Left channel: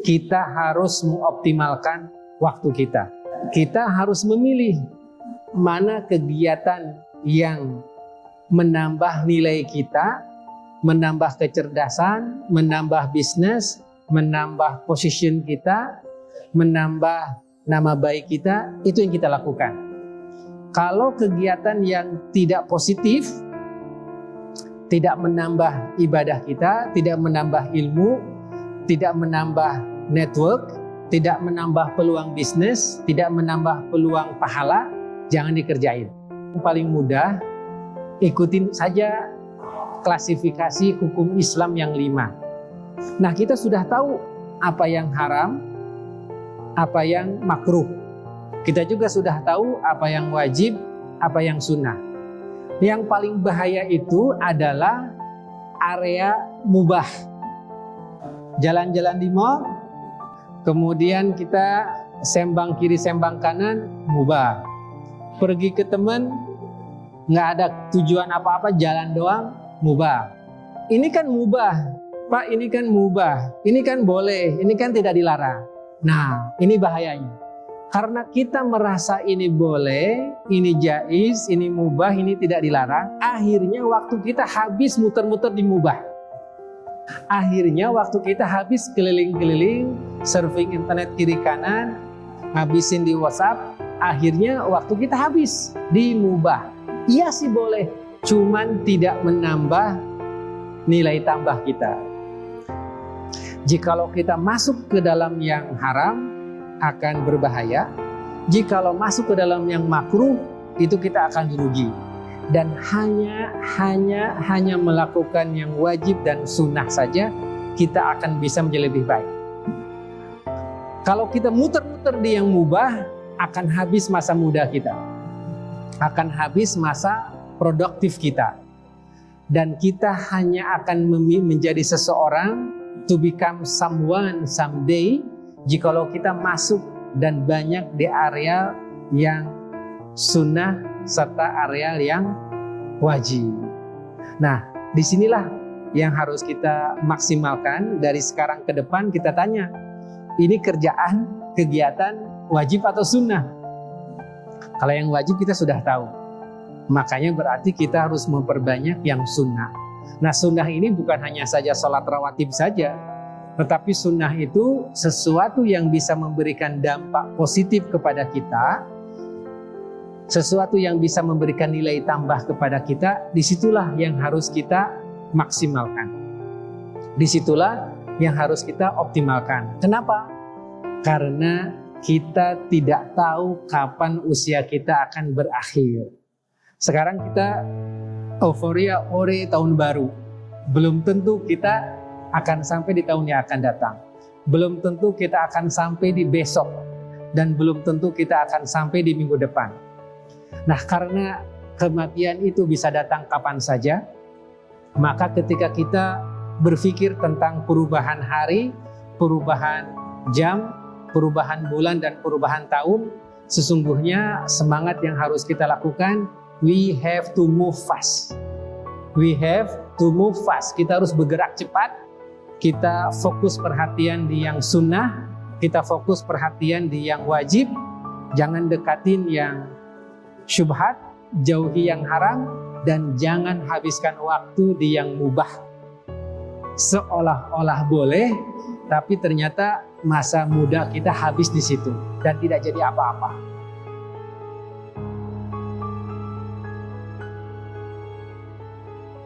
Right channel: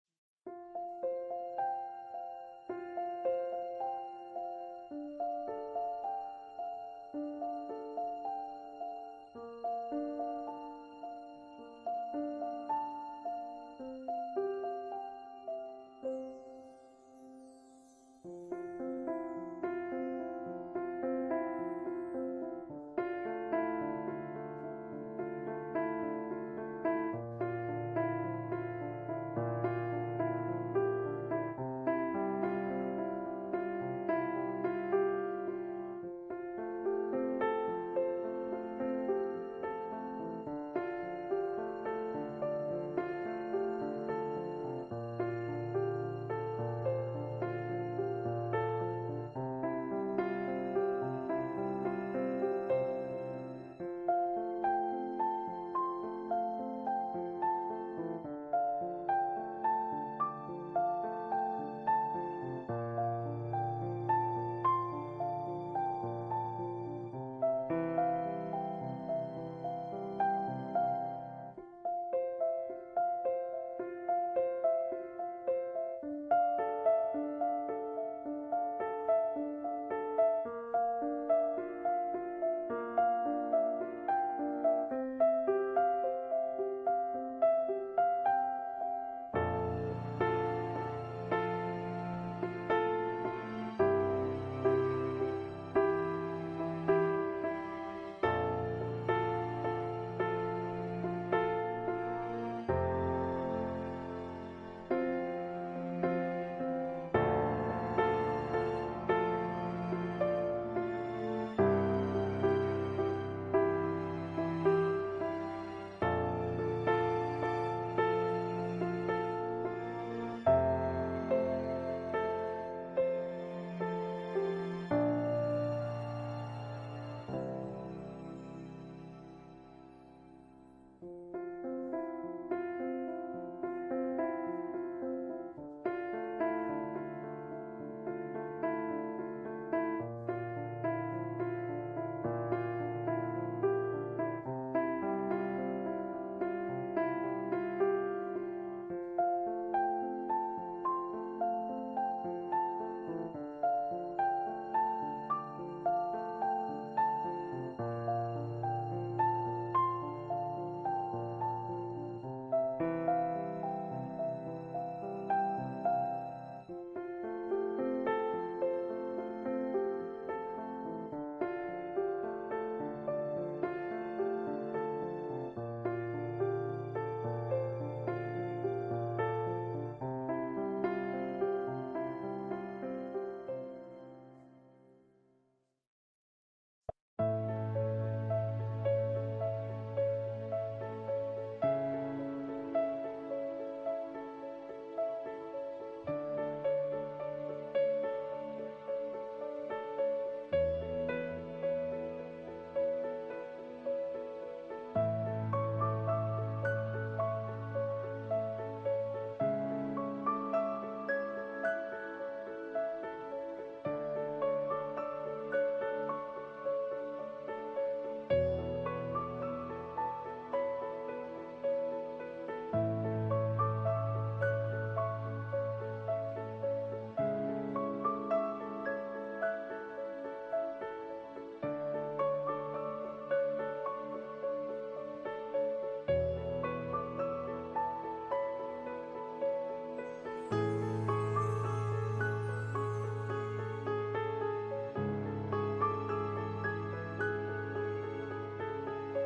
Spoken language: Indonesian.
kita harus mengoptimalkan waktu kita. Kita harus memilih mana kegiatan yang menambah nilai kita, menambah kecerdasan, menambah bisnis, menambah position kita, menambah nama baik kita, itu yang kita lakukan. Kalau kegiatan yang tidak positif, tidak menambah ibadah kita, tidak menambah ilmu, tidak menambah network, tidak menambah peluang bisnis, tidak menambah peluang pahala, jangan dikerjain. Yang paling mudah, ikutin saja klasifikasi hukum Islam yang 5. Nah, kita sudah tahu apa yang haram, apa yang makruh. Kita juga sudah tahu apa yang wajib, apa yang sunnah. Yang paling bahaya itu adalah area mubah. Jalan-jalan di mall, kemudian kita sembang kiri, sembang kanan, mubah. Pergi ke teman, nggak ada tujuan apa-apa, jalan doang, mubah. Ini kan mubah, Pak, ini kan mubah, ini kan boleh, ini kan tidak dilarang. Nah, ini bahayanya. Karena kita merasa ini boleh, ini jaiz, ini mubah, ini tidak dilarang, akhirnya waktu kita habis muter-muter di mubah. Akhirnya waktu kita habis keliling-keliling, surfing internet kiri kanan, habisin di WhatsApp, akhirnya waktu kita habis di mubah. Iya sih boleh, cuman tidak menambah nilai tambah kita. Jikalau kita masuk ke dalam yang haram, akan berbahaya. Jikalau masuk ke dalam yang makruh, itu kita akan dirugi. Dan hanya melakukan yang wajib dan sunnah saja, kita akan bisa menjadi lebih baik. Kalau kita muter-muter di yang mubah, akan habis masa muda kita, akan habis masa produktif kita, dan kita hanya akan menjadi seseorang to become someone someday jikalau kita masuk dan banyak di area yang sunnah serta area yang wajib. Nah, disinilah yang harus kita maksimalkan. Dari sekarang ke depan kita tanya, ini kerjaan, kegiatan wajib atau sunnah? Kalau yang wajib kita sudah tahu, makanya berarti kita harus memperbanyak yang sunnah. Nah, sunnah ini bukan hanya saja sholat rawatib saja, tetapi sunnah itu sesuatu yang bisa memberikan dampak positif kepada kita, sesuatu yang bisa memberikan nilai tambah kepada kita. Disitulah yang harus kita maksimalkan, disitulah yang harus kita optimalkan. Kenapa? Karena kita tidak tahu kapan usia kita akan berakhir. Sekarang kita euforia ore tahun baru, belum tentu kita akan sampai di tahun yang akan datang. Belum tentu kita akan sampai di besok, dan belum tentu kita akan sampai di minggu depan. Nah, karena kematian itu bisa datang kapan saja, maka ketika kita berpikir tentang perubahan hari, perubahan jam, perubahan bulan, dan perubahan tahun, sesungguhnya semangat yang harus kita lakukan, we have to move fast. We have to move fast. Kita harus bergerak cepat. Kita fokus perhatian di yang sunnah, kita fokus perhatian di yang wajib. Jangan dekatin yang syubhat, jauhi yang haram, dan jangan habiskan waktu di yang mubah. Seolah-olah boleh, tapi ternyata masa muda kita habis di situ dan tidak jadi apa-apa.